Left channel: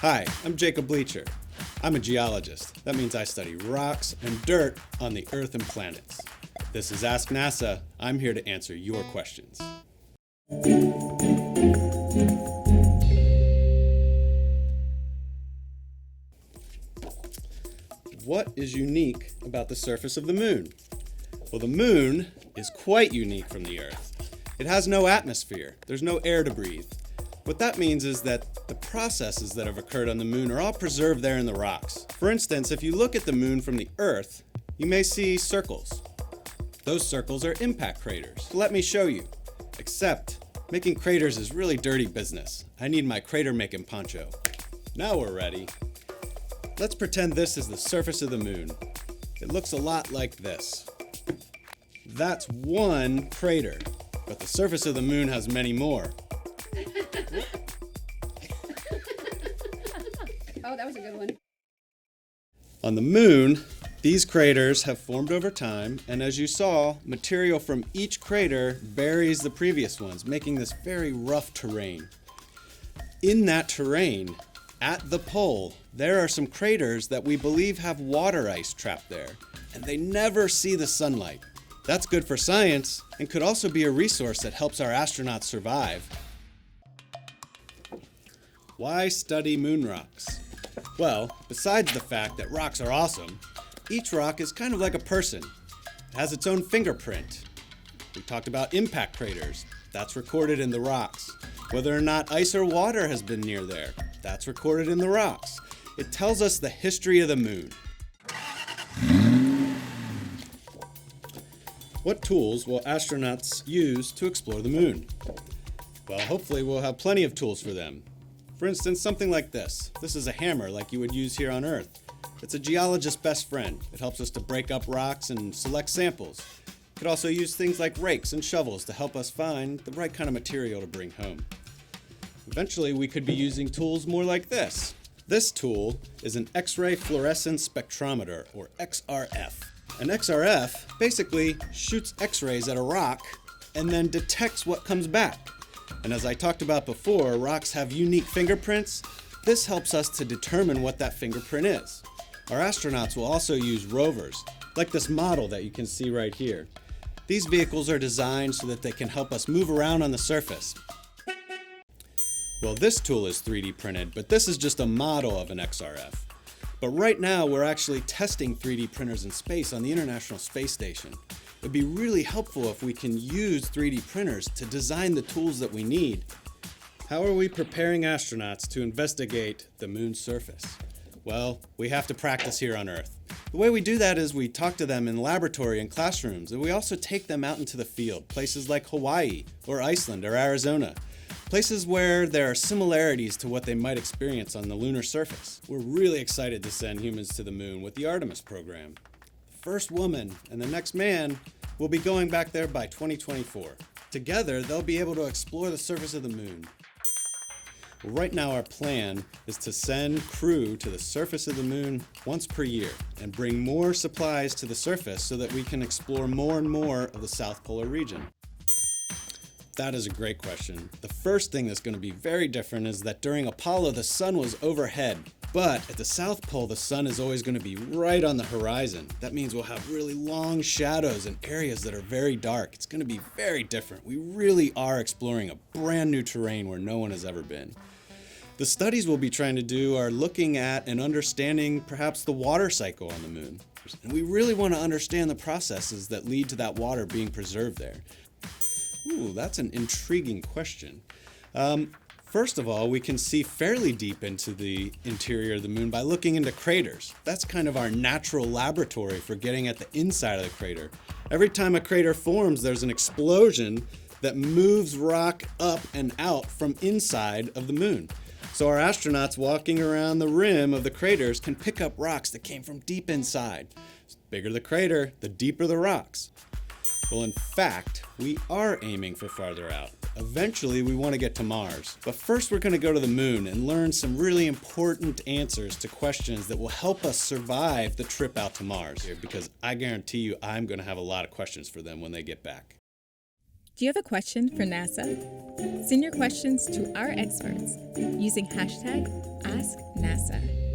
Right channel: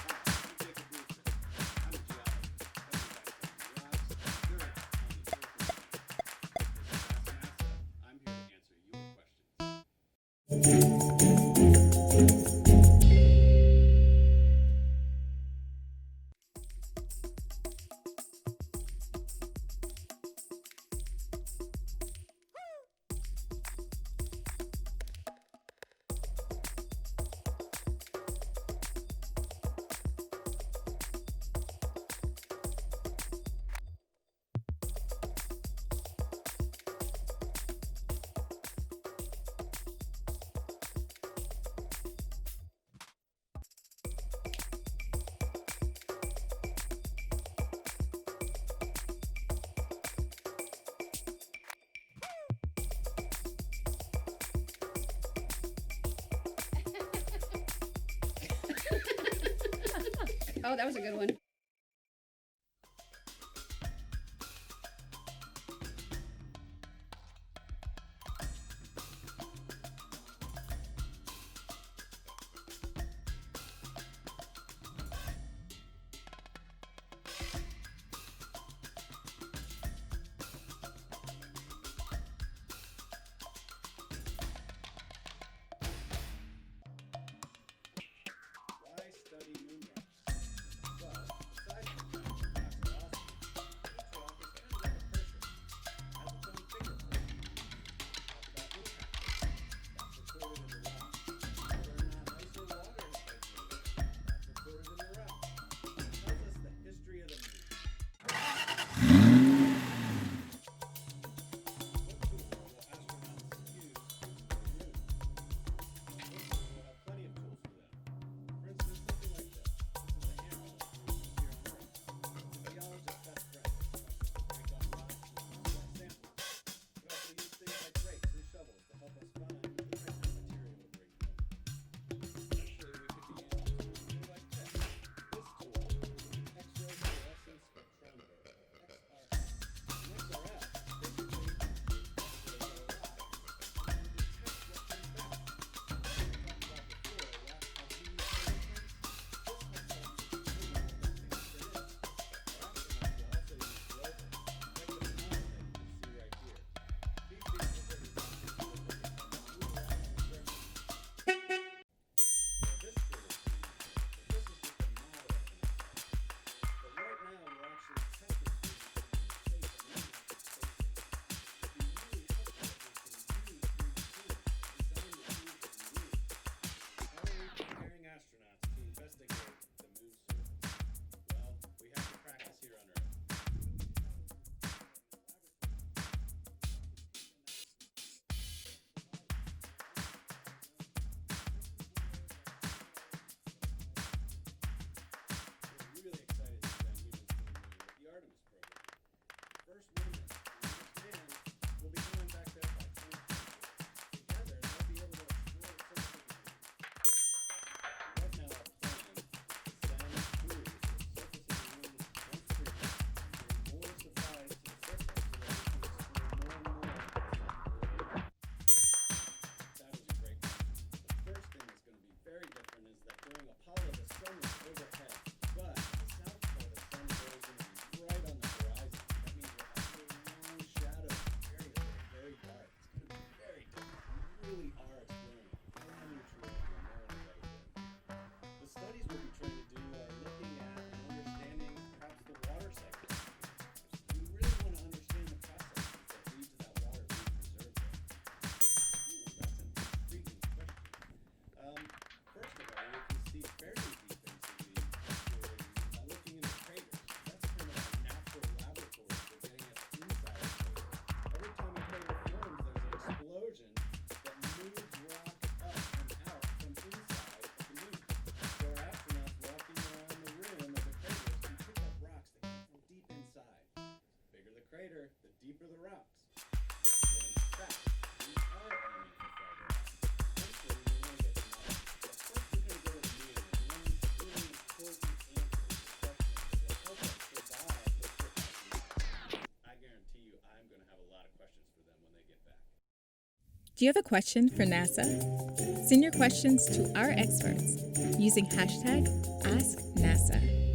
Hi, I'm Jacob Bleacher. I'm a geologist. That means I study rocks and dirt on the Earth and planets. This is Ask NASA. I'm here to answer your questions. What is unique about the surface of the moon? Well, the moon is quite unique from the Earth. It has no atmosphere. There's no air to breathe. What that means is that the processes that have occurred on the moon are all preserved there in the rocks. For instance, if you look at the moon from the Earth, you may see circles. Those circles are impact craters. Let me show you. Except, making craters is really dirty business. I need my crater making poncho. Now we're ready. Let's pretend this is the surface of the moon. It looks a lot like this. That's one crater, but the surface of the moon has many more. Oh, that was a good one. On the moon, these craters have formed over time, and as you saw, material from each crater buries the previous ones, making this very rough terrain. In that terrain, at the pole, there are some craters that we believe have water ice trapped there, and they never see the sunlight. That's good for science, and could also be a resource that helps our astronauts survive. Why study moon rocks? Well, besides the fact that rocks are awesome, each rock is kind of like a person. It has its own fingerprint. We talked about impact craters. That's recorded in the rocks. Whether or not ice or water has been near there, that's recorded in the rocks. It tells us the history of the moon. What tools will astronauts use to explore the moon? Well, hopefully we'll have plenty of tools for them. For instance, something like this. This is a hammer like you would use here on Earth. It's a geologist's best friend. It helps us to break up rocks and select samples. It could also use things like rakes and shovels to help us find the right kind of material to bring home. Eventually, we could be using tools more like this. This tool is an X-ray fluorescence spectrometer, or XRF. An XRF basically shoots X-rays at a rock and then detects what comes back. And as I talked about before, rocks have unique fingerprints. This helps us to determine what that fingerprint is. Our astronauts will also use rovers, like this model that you can see right here. These vehicles are designed so that they can help us move around on the surface. Well, this tool is 3D printed, but this is just a model of an XRF. But right now, we're actually testing 3D printers in space on the International Space Station. It'd be really helpful if we can use 3D printers to design the tools that we need. How are we preparing astronauts to investigate the moon's surface? Well, we have to practice here on Earth. The way we do that is we talk to them in laboratory and classrooms, and we also take them out into the field, places like Hawaii or Iceland or Arizona. Places where there are similarities to what they might experience on the lunar surface. We're really excited to send humans to the moon with the Artemis program. The first woman and the next man will be going back there by 2024. Together, they'll be able to explore the surface of the moon. Right now, our plan is to send crew to the surface of the moon once per year and bring more supplies to the surface so that we can explore more and more of the South Polar region. That is a great question. The first thing that's going to be very different is that during Apollo, the sun was overhead. But at the South Pole, the sun is always going to be right on the horizon. That means we'll have really long shadows and areas that are very dark. It's going to be very different. We really are exploring a brand new terrain where no one has ever been. The studies we'll be trying to do are looking at and understanding perhaps the water cycle on the moon. And we really want to understand the processes that lead to that water being preserved there. Ooh, that's an intriguing question. First of all, we can see fairly deep into the interior of the moon by looking into craters. That's kind of our natural laboratory for getting at the inside of the crater. Every time a crater forms, there's an explosion that moves rock up and out from inside of the moon. So our astronauts walking around the rim of the craters can pick up rocks that came from deep inside. The bigger the crater, the deeper the rocks. Well, in fact, we are aiming for farther out. Eventually, we want to get to Mars. But first, we're going to go to the moon and learn some really important answers to questions that will help us survive the trip out to Mars. Because I guarantee you, I'm going to have a lot of questions for them when they get back. Do you have a question for NASA? Send your questions to our experts using hashtag AskNASA.